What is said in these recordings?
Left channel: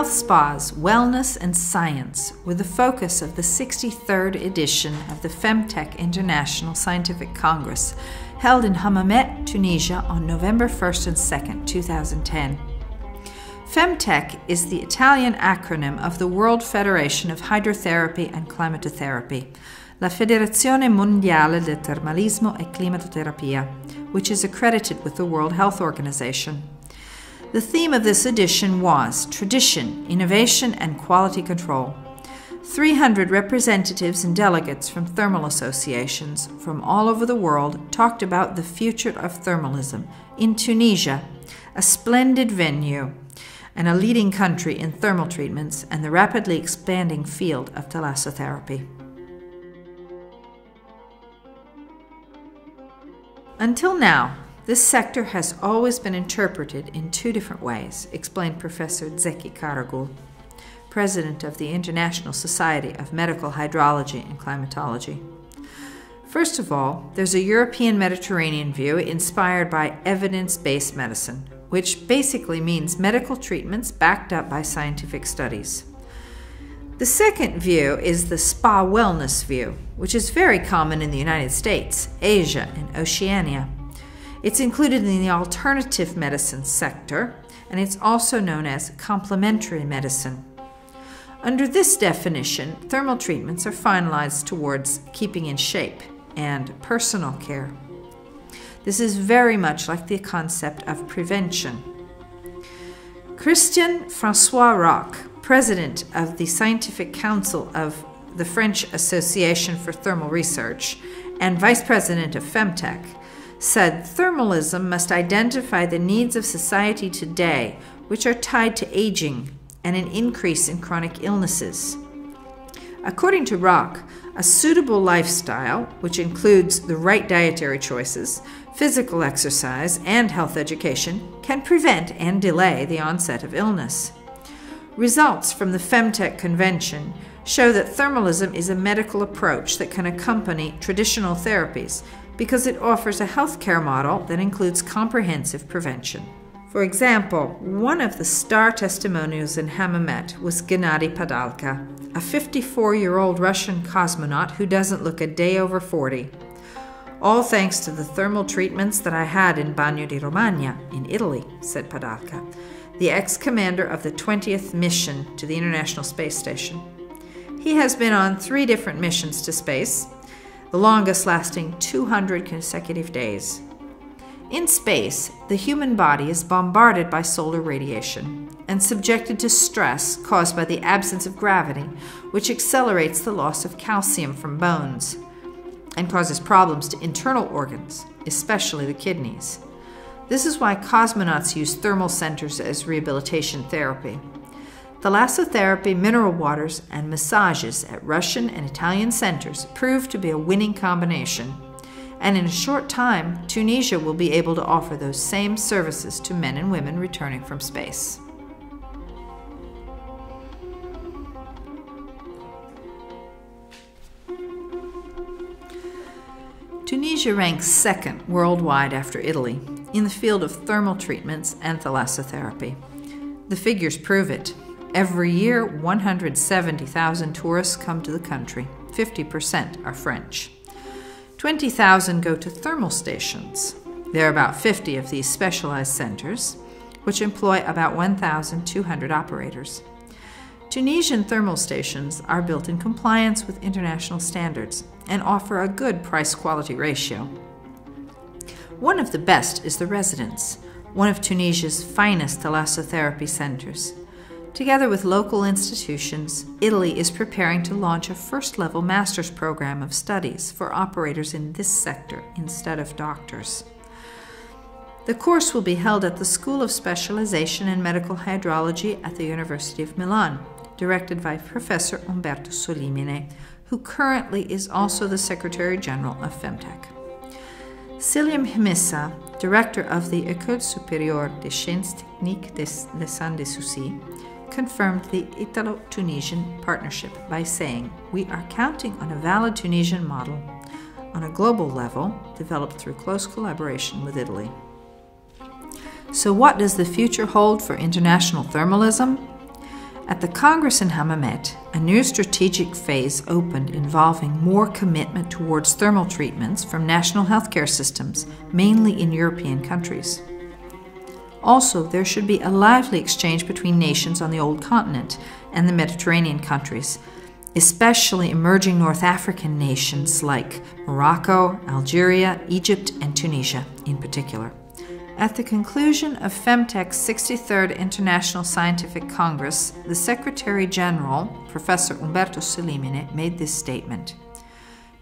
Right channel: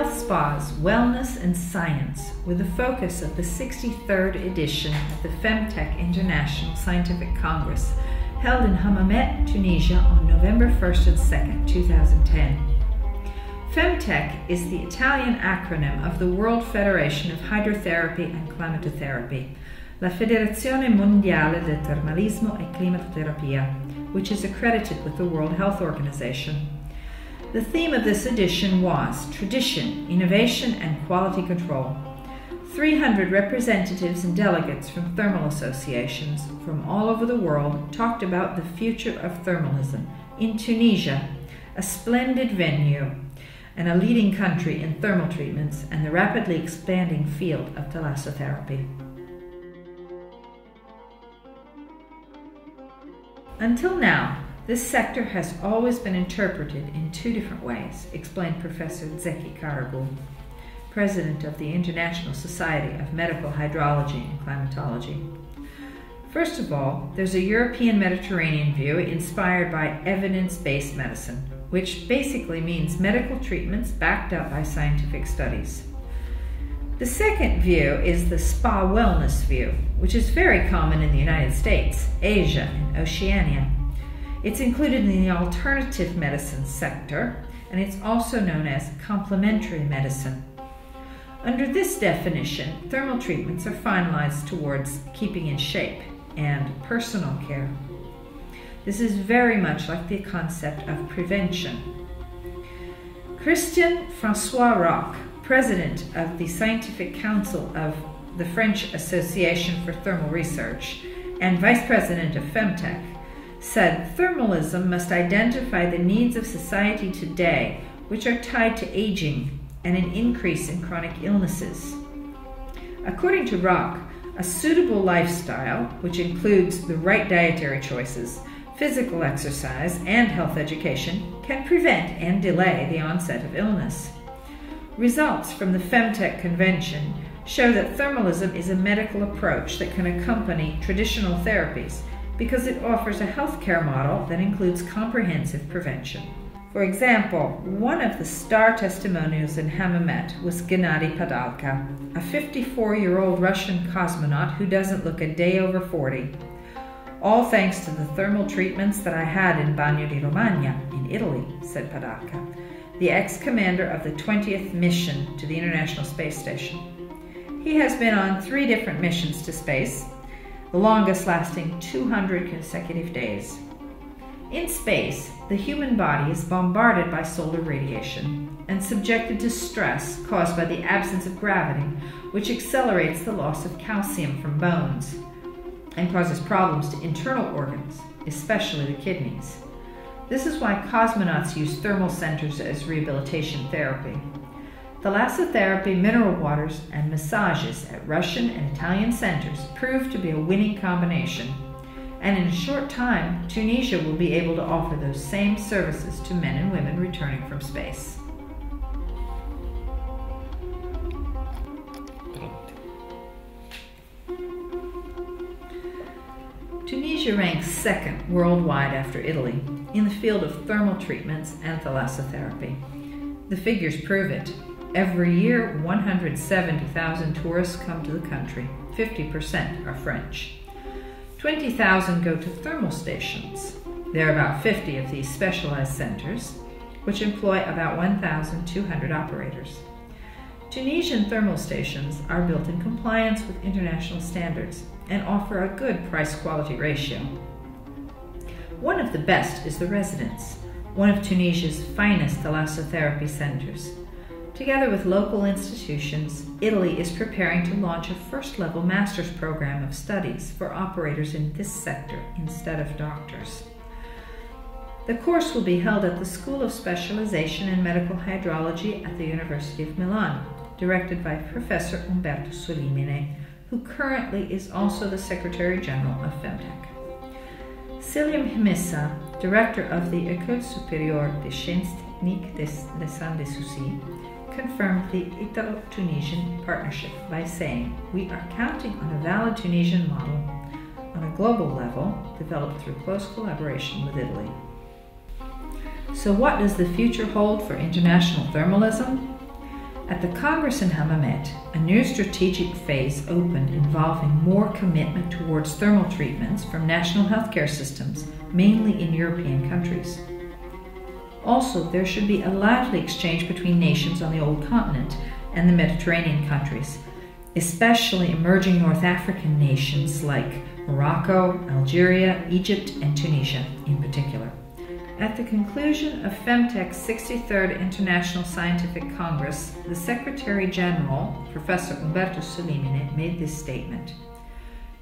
Health spas, wellness, and science were the focus of the 63rd edition of the Femtec International Scientific Congress, held in Hammamet, Tunisia on November 1st and 2nd, 2010. Femtec is the Italian acronym of the World Federation of Hydrotherapy and Climatotherapy, La Federazione Mondiale del Termalismo e Climatoterapia, which is accredited with the World Health Organization. The theme of this edition was Tradition, Innovation, and Quality Control. 300 representatives and delegates from thermal associations from all over the world talked about the future of thermalism in Tunisia, a splendid venue and a leading country in thermal treatments and the rapidly expanding field of thalassotherapy. Until now, this sector has always been interpreted in two different ways, explained Professor Zeki Karagul, President of the International Society of Medical Hydrology and Climatology. First of all, there's a European Mediterranean view inspired by evidence-based medicine, which basically means medical treatments backed up by scientific studies. The second view is the spa wellness view, which is very common in the United States, Asia, and Oceania. It's included in the alternative medicine sector, and it's also known as complementary medicine. Under this definition, thermal treatments are finalized towards keeping in shape and personal care. This is very much like the concept of prevention. Christian-François Roques, President of the Scientific Council of the French Association for Thermal Research and Vice President of Femtec, said thermalism must identify the needs of society today, which are tied to aging and an increase in chronic illnesses. According to Roques, a suitable lifestyle, which includes the right dietary choices, physical exercise, and health education, can prevent and delay the onset of illness. Results from the Femtec Convention show that thermalism is a medical approach that can accompany traditional therapies because it offers a healthcare model that includes comprehensive prevention. For example, one of the star testimonials in Hammamet was Gennady Padalka, a 54-year-old Russian cosmonaut who doesn't look a day over 40. All thanks to the thermal treatments that I had in Bagno di Romagna, in Italy, said Padalka, the ex-commander of the 20th mission to the International Space Station. He has been on 3 different missions to space, the longest lasting 200 consecutive days. In space, the human body is bombarded by solar radiation and subjected to stress caused by the absence of gravity, which accelerates the loss of calcium from bones and causes problems to internal organs, especially the kidneys. This is why cosmonauts use thermal centers as rehabilitation therapy. Thalassotherapy, mineral waters, and massages at Russian and Italian centers proved to be a winning combination. And in a short time, Tunisia will be able to offer those same services to men and women returning from space. Tunisia ranks 2nd worldwide after Italy in the field of thermal treatments and thalassotherapy. The figures prove it. Every year, 170,000 tourists come to the country. 50% are French. 20,000 go to thermal stations. There are about 50 of these specialized centers, which employ about 1,200 operators. Tunisian thermal stations are built in compliance with international standards and offer a good price-quality ratio. One of the best is the Residence, one of Tunisia's finest thalassotherapy centers. Together with local institutions, Italy is preparing to launch a first-level master's program of studies for operators in this sector instead of doctors. The course will be held at the School of Specialization in Medical Hydrology at the University of Milan, directed by Professor Umberto Solimene, who currently is also the Secretary General of Femtec. Cilium Himissa, director of the École Supérieure des Sciences Techniques des Sanssouci, confirmed the Italo-Tunisian partnership by saying, "We are counting on a valid Tunisian model on a global level developed through close collaboration with Italy." So what does the future hold for international thermalism? At the Congress in Hammamet, a new strategic phase opened involving more commitment towards thermal treatments from national healthcare systems, mainly in European countries. Also, there should be a lively exchange between nations on the old continent and the Mediterranean countries, especially emerging North African nations like Morocco, Algeria, Egypt, and Tunisia in particular. At the conclusion of Femtec's 63rd International Scientific Congress, the Secretary General, Professor Umberto Solimene, made this statement.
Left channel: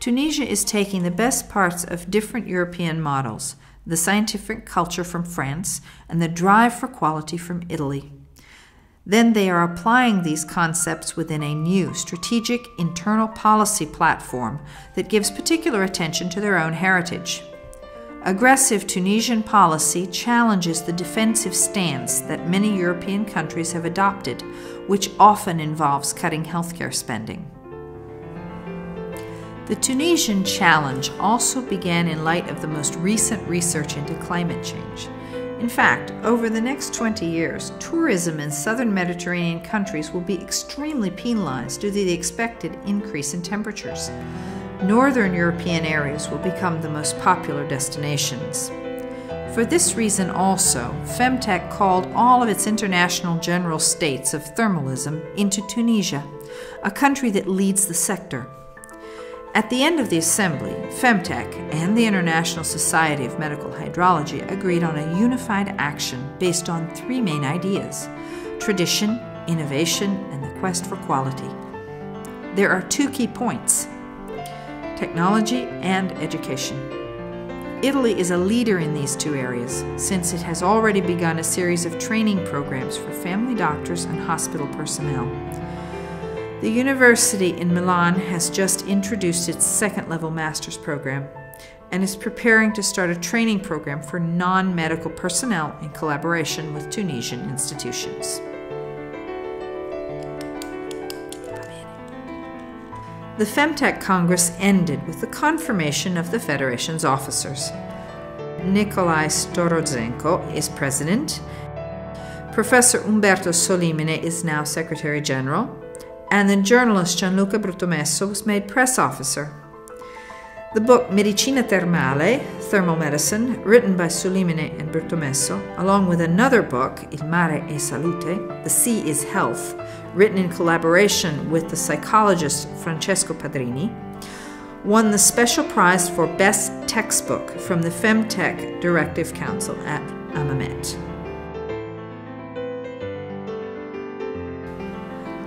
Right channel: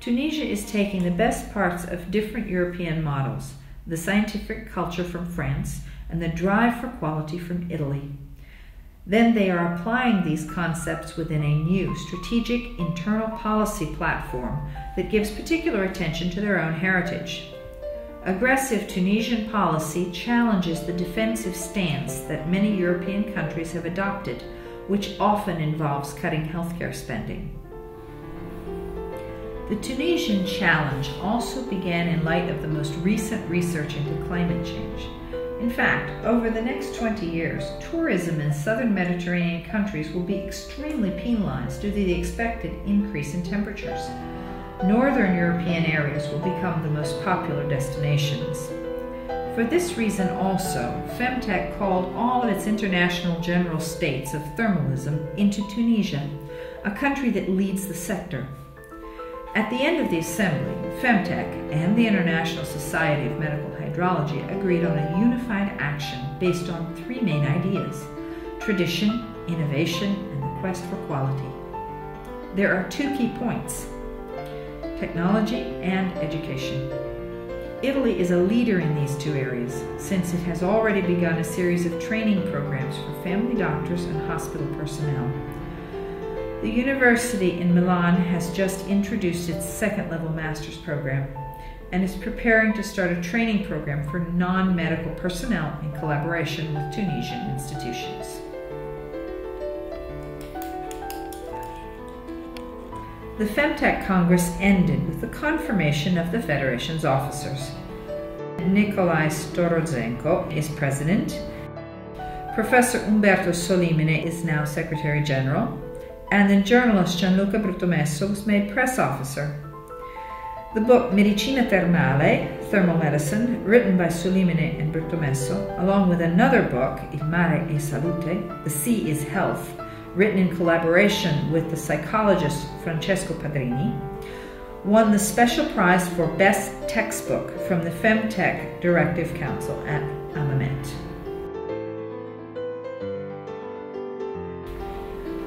Tunisia is taking the best parts of different European models, the scientific culture from France, and the drive for quality from Italy. Then they are applying these concepts within a new strategic internal policy platform that gives particular attention to their own heritage. Aggressive Tunisian policy challenges the defensive stance that many European countries have adopted, which often involves cutting healthcare spending. The Tunisian challenge also began in light of the most recent research into climate change. In fact, over the next 20 years, tourism in southern Mediterranean countries will be extremely penalized due to the expected increase in temperatures. Northern European areas will become the most popular destinations. For this reason also, Femtec called all of its international general states of thermalism into Tunisia, a country that leads the sector. At the end of the assembly, Femtec and the International Society of Medical Hydrology agreed on a unified action based on three main ideas: tradition, innovation, and the quest for quality. There are two key points: technology and education. Italy is a leader in these two areas, since it has already begun a series of training programs for family doctors and hospital personnel. The university in Milan has just introduced its second-level master's program and is preparing to start a training program for non-medical personnel in collaboration with Tunisian institutions. The Femtec Congress ended with the confirmation of the Federation's officers. Nikolai Storozenko is president, Professor Umberto Solimene is now Secretary General, and the journalist Gianluca Bruttomesso was made press officer. The book Medicina Termale, Thermal Medicine, written by Solimene and Bruttomesso, along with another book, Il Mare è Salute, The Sea is Health, written in collaboration with the psychologist Francesco Padrini, won the special prize for Best Textbook from the Femtec Directive Council at Hammamet.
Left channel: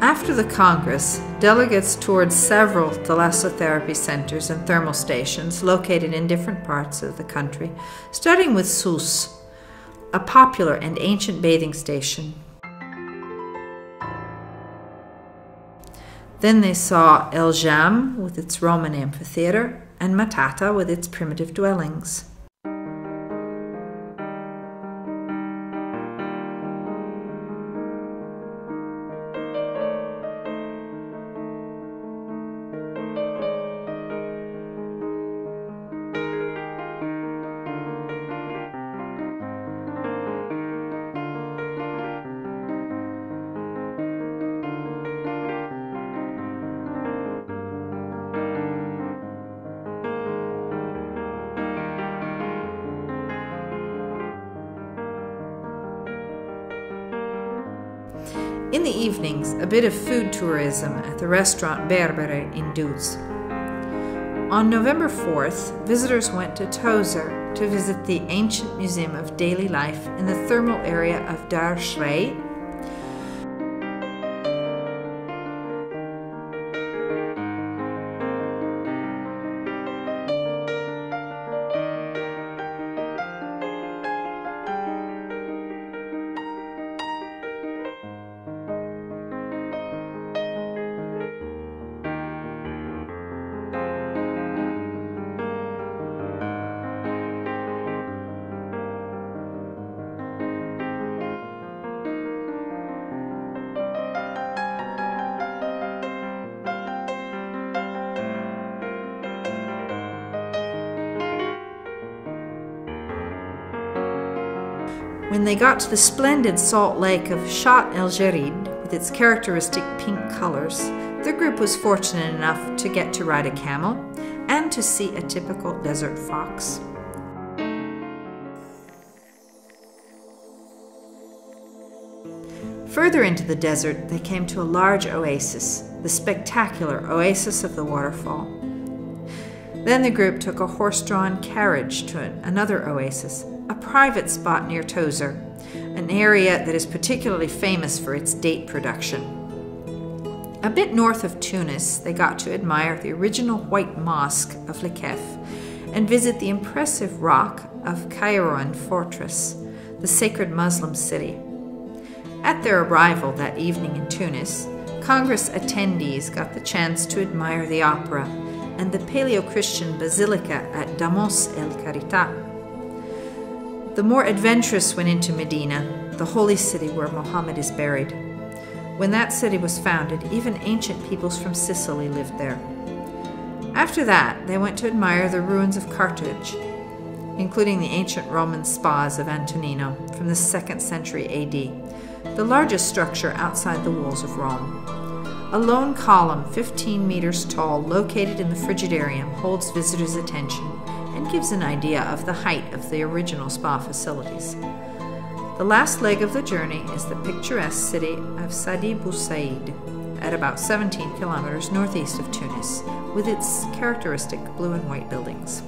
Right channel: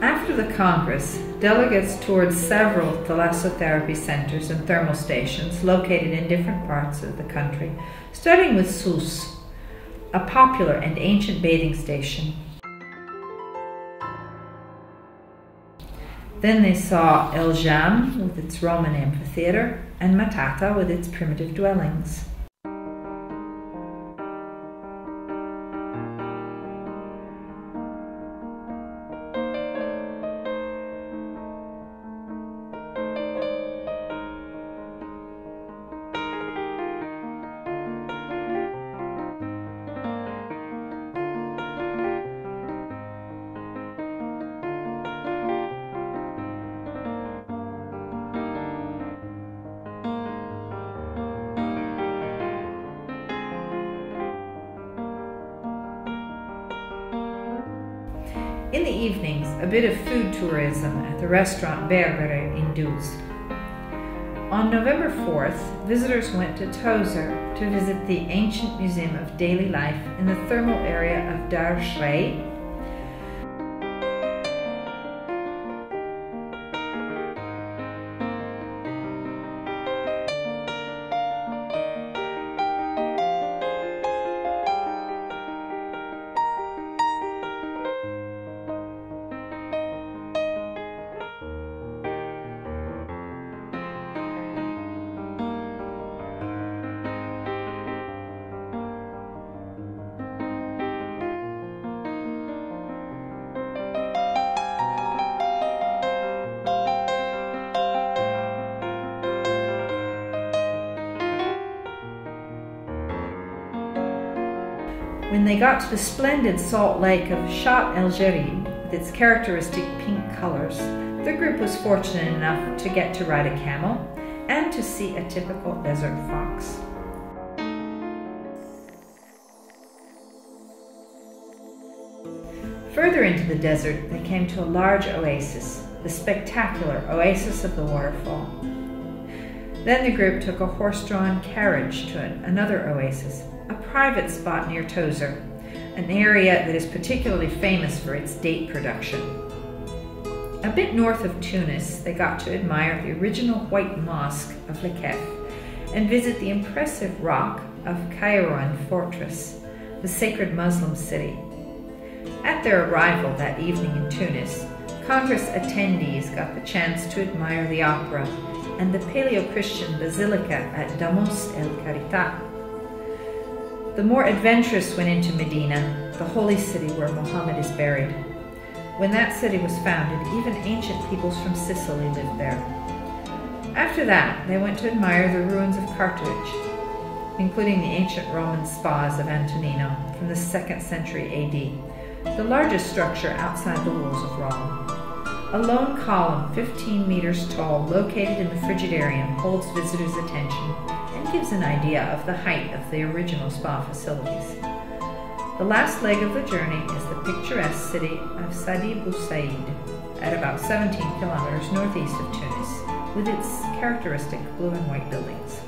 After the Congress, delegates toured several thalassotherapy centers and thermal stations located in different parts of the country, starting with Sousse, a popular and ancient bathing station. Then they saw El Jam with its Roman amphitheater and Matata with its primitive dwellings. In the evenings, a bit of food tourism at the restaurant Berbere in Duz. On November 4th, visitors went to Tozer to visit the ancient museum of daily life in the thermal area of Dar Shrei. When they got to the splendid salt lake of Chat El Gerid, with with its characteristic pink colors, the group was fortunate enough to get to ride a camel and to see a typical desert fox. Further into the desert, they came to a large oasis, the spectacular Oasis of the Waterfall. Then the group took a horse-drawn carriage to another oasis, a private spot near Tozeur, an area that is particularly famous for its date production. A bit north of Tunis, they got to admire the original white mosque of Lekef and visit the impressive rock of Kairouan Fortress, the sacred Muslim city. At their arrival that evening in Tunis, Congress attendees got the chance to admire the opera and the Paleo-Christian Basilica at Damos el Carità. The more adventurous went into Medina, the holy city where Muhammad is buried. When that city was founded, even ancient peoples from Sicily lived there. After that, they went to admire the ruins of Carthage, including the ancient Roman spas of Antonino from the 2nd century AD, the largest structure outside the walls of Rome. A lone column, 15 meters tall, located in the Frigidarium, holds visitors' attention and gives an idea of the height of the original spa facilities. The last leg of the journey is the picturesque city of Sidi Bou Said, at about 17 kilometers northeast of Tunis, with its characteristic blue and white buildings.